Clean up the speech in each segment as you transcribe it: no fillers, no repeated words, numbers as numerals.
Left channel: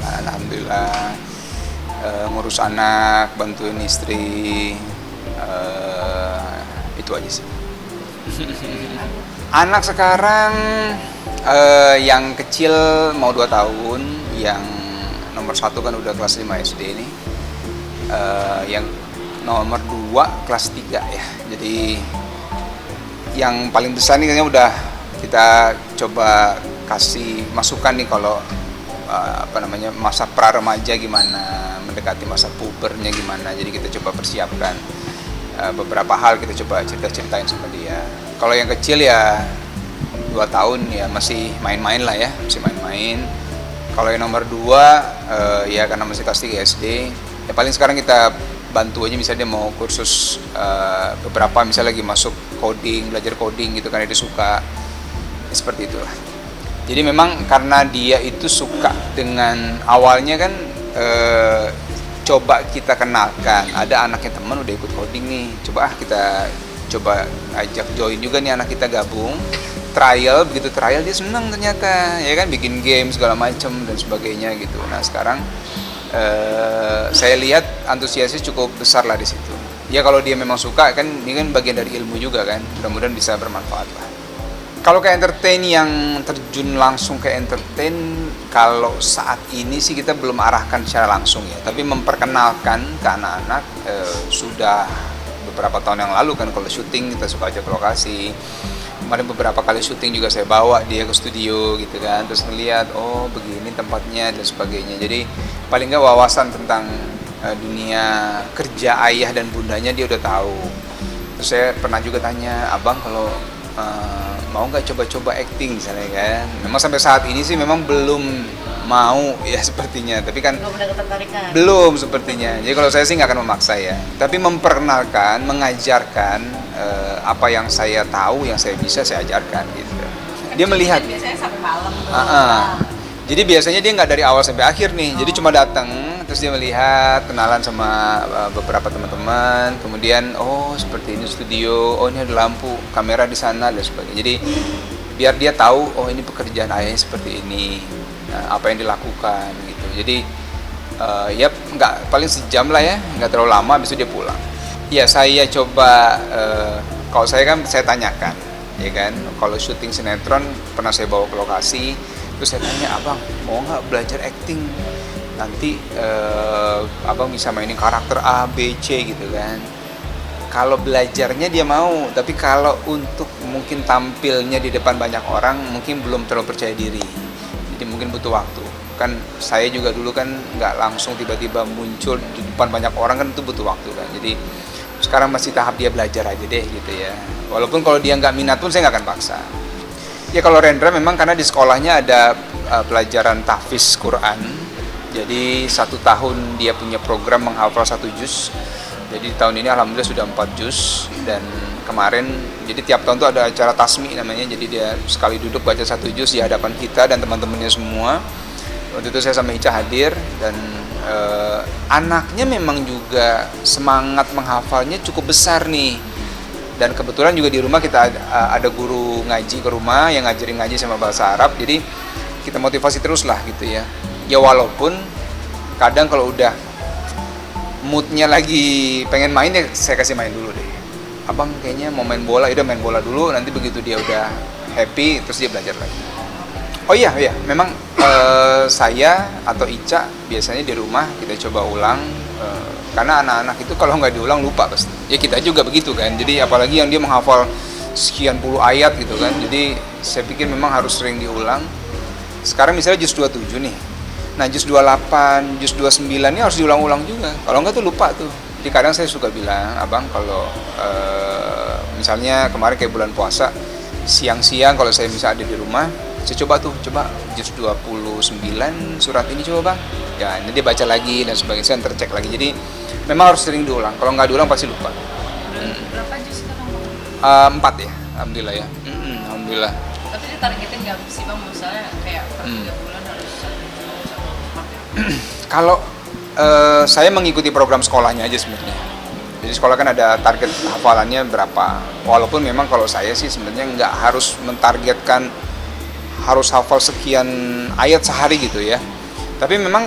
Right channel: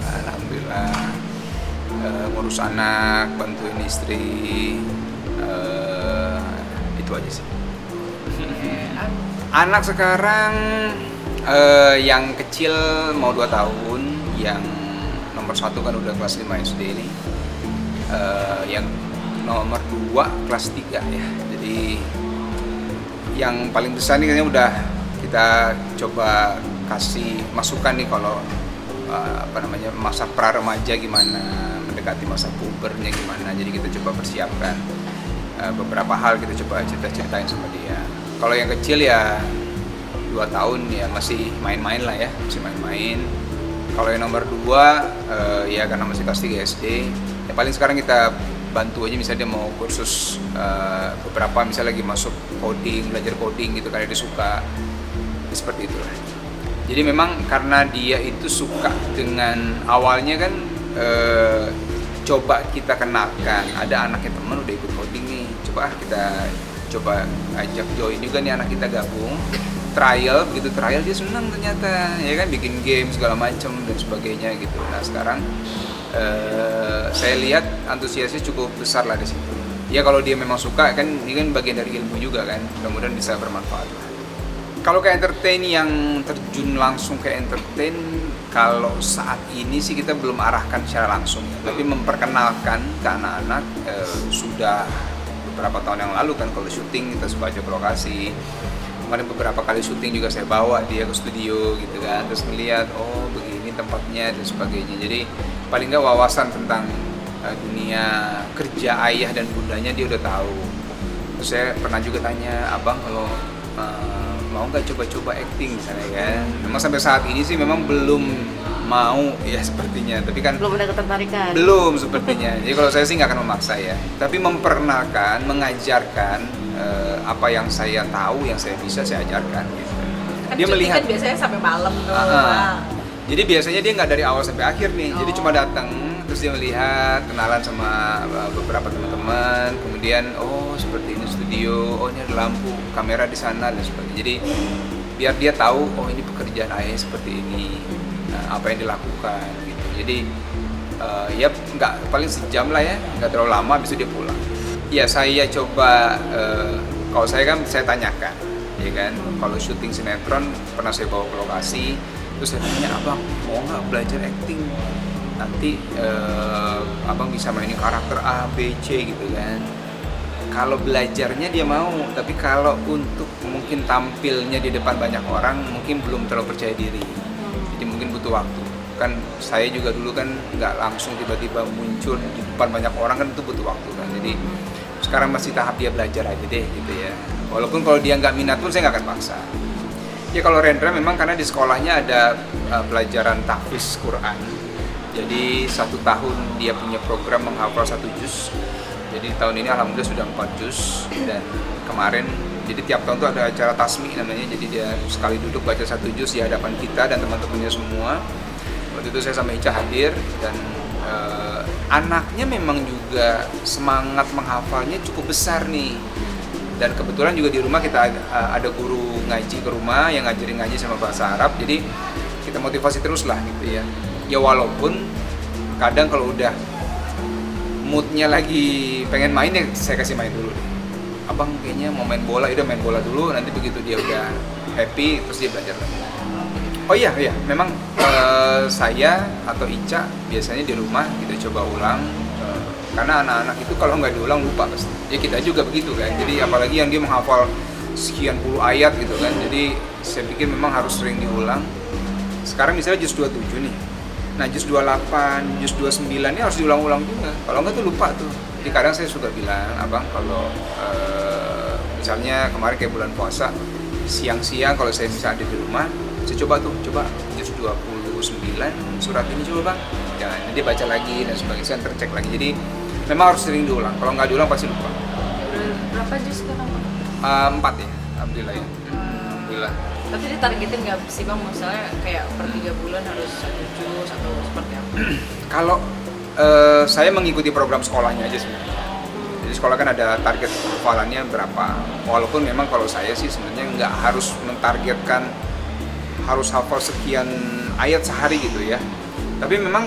lah, alhamdulillah. Ngurus anak, bantuin istri, itu aja sih. Anak sekarang yang kecil mau 2 tahun, yang nomor 1 kan udah kelas 5 SD ini, yang nomor 2 kelas 3 ya. Jadi yang paling besar nih kayaknya udah kita coba kasih masukan nih kalau masa pra-remaja gimana, mendekati masa pubernya gimana. Jadi kita coba persiapkan beberapa hal, kita coba cerita-ceritain sama dia. Kalau yang kecil ya 2 tahun ya masih main-main lah ya, masih main-main. Kalau yang nomor 2 ya karena masih kelas 3 SD, ya paling sekarang kita bantu aja, misalnya dia mau kursus beberapa, misalnya lagi masuk coding, belajar coding gitu kan, dia suka seperti itulah. Jadi memang karena dia itu suka dengan awalnya kan coba kita kenalkan, ada anaknya teman udah ikut coding nih, kita coba ajak join juga nih anak kita gabung, trial dia senang ternyata ya kan, bikin game segala macam dan sebagainya gitu. Nah sekarang saya lihat antusiasnya cukup besar lah di situ. Ya kalau dia memang suka kan, ini kan bagian dari ilmu juga kan, mudah-mudahan bisa bermanfaat lah. Kalau ke entertain, yang terjun langsung ke entertain, kalau saat ini sih kita belum arahkan secara langsung ya, tapi memperkenalkan ke anak-anak sudah beberapa tahun yang lalu kan. Kalau syuting kita suka ajak ke lokasi, kemarin beberapa kali syuting juga saya bawa dia ke studio gitu kan, terus ngeliat oh begini tempatnya dan sebagainya. Jadi paling nggak wawasan tentang dunia kerja ayah dan bundanya dia udah tahu. Terus saya pernah juga tanya, abang kalau mau nggak coba-coba acting misalnya kan. Memang sampai saat ini sih memang belum mau ya sepertinya, tapi kan belum ada ketertarikan. Belum sepertinya. Jadi kalau saya sih nggak akan memaksa ya, tapi memperkenalkan, mengajarkan apa yang saya tahu, yang saya bisa saya ajarkan gitu. Kan Dia melihat. kan biasanya sampai malam tuh. Jadi biasanya dia nggak dari awal sampai akhir nih. Jadi cuma datang, terus dia melihat, kenalan sama beberapa teman-teman, kemudian oh seperti ini studio, oh ini ada lampu, kamera di sana dan sebagainya. Jadi biar dia tahu oh ini pekerjaan ayah seperti ini, apa yang dilakukan gitu. Jadi ya nggak, paling sejam lah ya, nggak terlalu lama, habis itu dia pulang. Ya saya coba, kalau saya kan saya tanyakan, ya kan, kalau syuting sinetron pernah saya bawa ke lokasi, terus saya tanya, abang mau nggak belajar acting, nanti abang bisa mainin karakter A, B, C gitu kan. Kalau belajarnya dia mau, tapi kalau untuk mungkin tampilnya di depan banyak orang mungkin belum terlalu percaya diri, jadi mungkin butuh waktu. Kan saya juga dulu kan nggak langsung tiba-tiba muncul di depan banyak orang, kan itu butuh waktu kan. Jadi sekarang masih tahap dia belajar aja deh gitu ya, walaupun kalau dia nggak minat pun saya nggak akan paksa. Ya kalau Rendra memang karena di sekolahnya ada pelajaran tahfiz Quran, jadi 1 tahun dia punya program menghafal 1 juz. Jadi tahun ini alhamdulillah sudah 4 juz, dan kemarin jadi tiap tahun tuh ada acara tasmi namanya, jadi dia sekali duduk baca 1 juz di hadapan kita dan teman-temannya semua. Waktu itu saya sama Ica hadir, dan anaknya memang juga semangat menghafalnya cukup besar nih. Dan kebetulan juga di rumah kita ada guru ngaji ke rumah yang ngajarin ngaji sama bahasa Arab, jadi kita motivasi terus lah gitu ya. Ya walaupun kadang kalau udah moodnya lagi pengen main ya saya kasih main dulu deh. Abang kayaknya mau main bola, udah main bola dulu, nanti begitu dia udah happy terus dia belajar lagi. Oh iya, memang saya atau Ica biasanya di rumah kita coba ulang, karena anak-anak itu kalau nggak diulang lupa pasti. Ya kita juga begitu kan, jadi apalagi yang dia menghafal sekian puluh ayat gitu kan, jadi saya pikir memang harus sering diulang. Sekarang misalnya juz 27 nih, nah juz 28, juz 29 ini harus diulang-ulang juga, kalau nggak tuh lupa tuh. Jadi kadang saya suka bilang, abang kalau misalnya kemarin kayak bulan puasa, siang-siang kalau saya bisa ada di rumah, saya coba juz 29 surat ini coba bang, dan nanti baca lagi dan sebagainya, saya tercek lagi. Jadi memang harus sering diulang, kalau nggak diulang pasti lupa. Berapa juz sekarang bang? 4 ya, alhamdulillah ya. Alhamdulillah. Tapi ditargetin nggak sih bang, misalnya kayak per 3 bulan harus 1 juz atau seperti apa? Kalau saya mengikuti program sekolahnya aja sebenarnya. Jadi sekolah kan ada target hafalannya berapa. Walaupun memang kalau saya sih sebenarnya nggak harus mentargetkan harus hafal sekian ayat sehari gitu ya. Tapi memang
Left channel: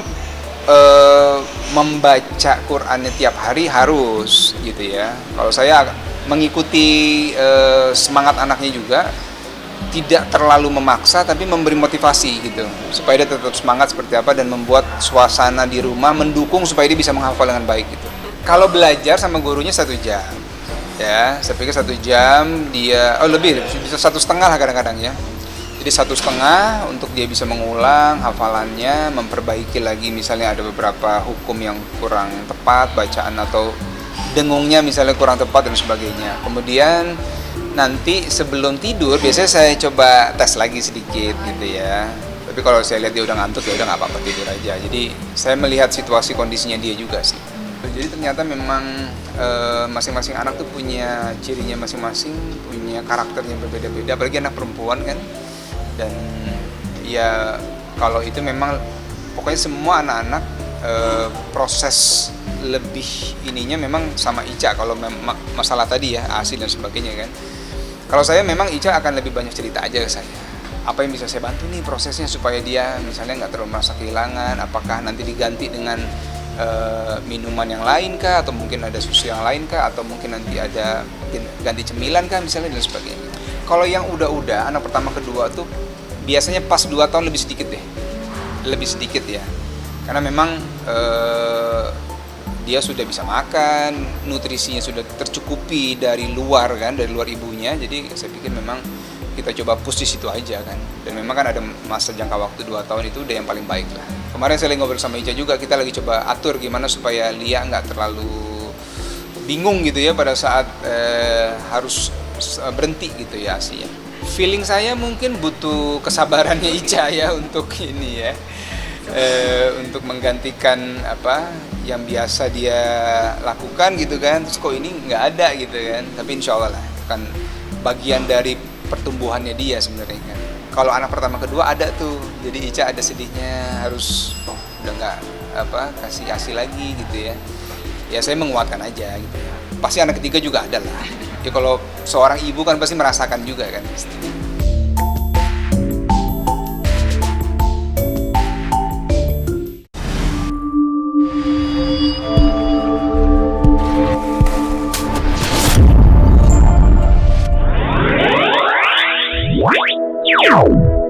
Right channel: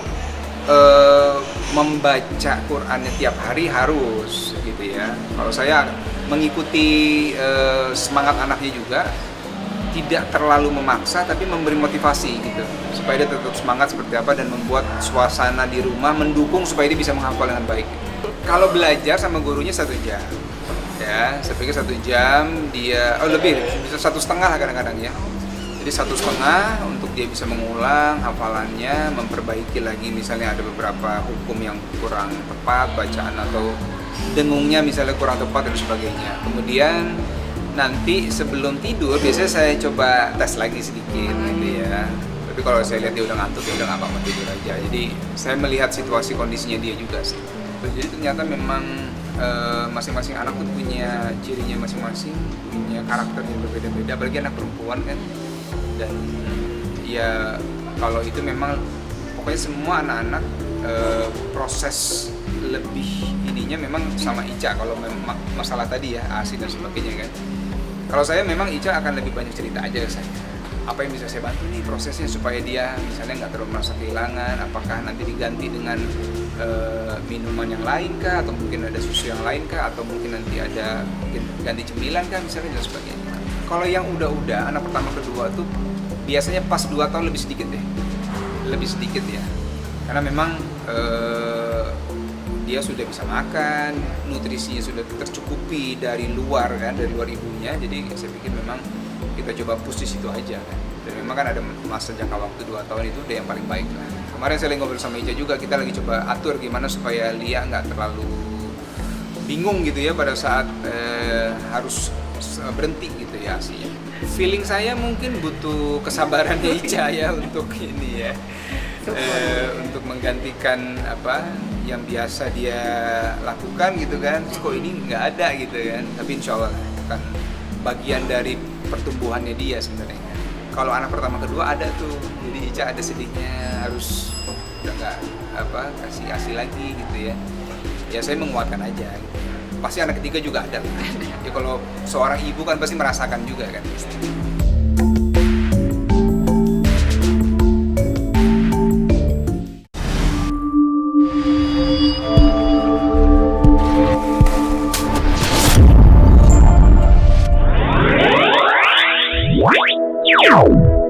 membaca Qurannya tiap hari harus gitu ya. Kalau saya mengikuti semangat anaknya juga, tidak terlalu memaksa tapi memberi motivasi gitu supaya dia tetap semangat seperti apa dan membuat suasana di rumah mendukung supaya dia bisa menghafal dengan baik gitu. Kalau belajar sama gurunya 1 jam ya, saya pikir 1 jam dia lebih bisa 1,5 lah kadang-kadang ya. Jadi 1,5 untuk dia bisa mengulang hafalannya, memperbaiki lagi misalnya ada beberapa hukum yang kurang tepat bacaan atau dengungnya misalnya kurang tepat dan sebagainya. Kemudian nanti sebelum tidur biasanya saya coba tes lagi sedikit gitu ya. Tapi kalau saya lihat dia udah ngantuk ya udah nggak apa-apa tidur aja. Jadi saya melihat situasi kondisinya dia juga sih. Jadi ternyata memang masing-masing anak tuh punya cirinya masing-masing, punya karakternya berbeda-beda. Apalagi anak perempuan kan. Dan ya kalau itu memang pokoknya semua anak-anak proses lebih ininya memang sama Ica kalau masalah tadi ya ASI dan sebagainya kan. Kalau saya memang Ica akan lebih banyak cerita aja ke saya. Apa yang bisa saya bantu nih prosesnya supaya dia misalnya nggak terlalu merasa kehilangan. Apakah nanti diganti dengan minuman yang lain kah, atau mungkin ada susu yang lain kah, atau mungkin nanti ada ganti cemilan kah misalnya dan sebagainya. Kalau yang udah anak pertama kedua tuh biasanya pas 2 tahun lebih sedikit deh, lebih sedikit ya. Karena memang dia sudah bisa makan, nutrisinya sudah tercukupi dari luar kan, dari luar ibunya. Jadi saya pikir memang kita coba push di situ aja kan. Dan memang kan ada masa jangka waktu 2 tahun itu udah yang paling baik lah. Kemarin saya lagi ngobrol sama Ica juga, kita lagi coba atur gimana supaya Lia nggak terlalu bingung gitu ya pada saat harus berhenti gitu ya sih. Feeling saya mungkin butuh kesabarannya Ica ya untuk ini ya. Untuk menggantikan apa yang biasa dia lakukan gitu kan, terus kok ini nggak ada gitu kan. Tapi insya Allah lah, itu kan bagian dari pertumbuhannya dia sebenarnya kan. Kalau anak pertama kedua ada tuh, jadi Ica ada sedihnya, harus udah nggak kasih ASI lagi gitu ya. Ya saya menguatkan aja gitu ya. Pasti anak ketiga juga ada lah. Jadi kalau seorang ibu kan pasti merasakan juga kan. Wow.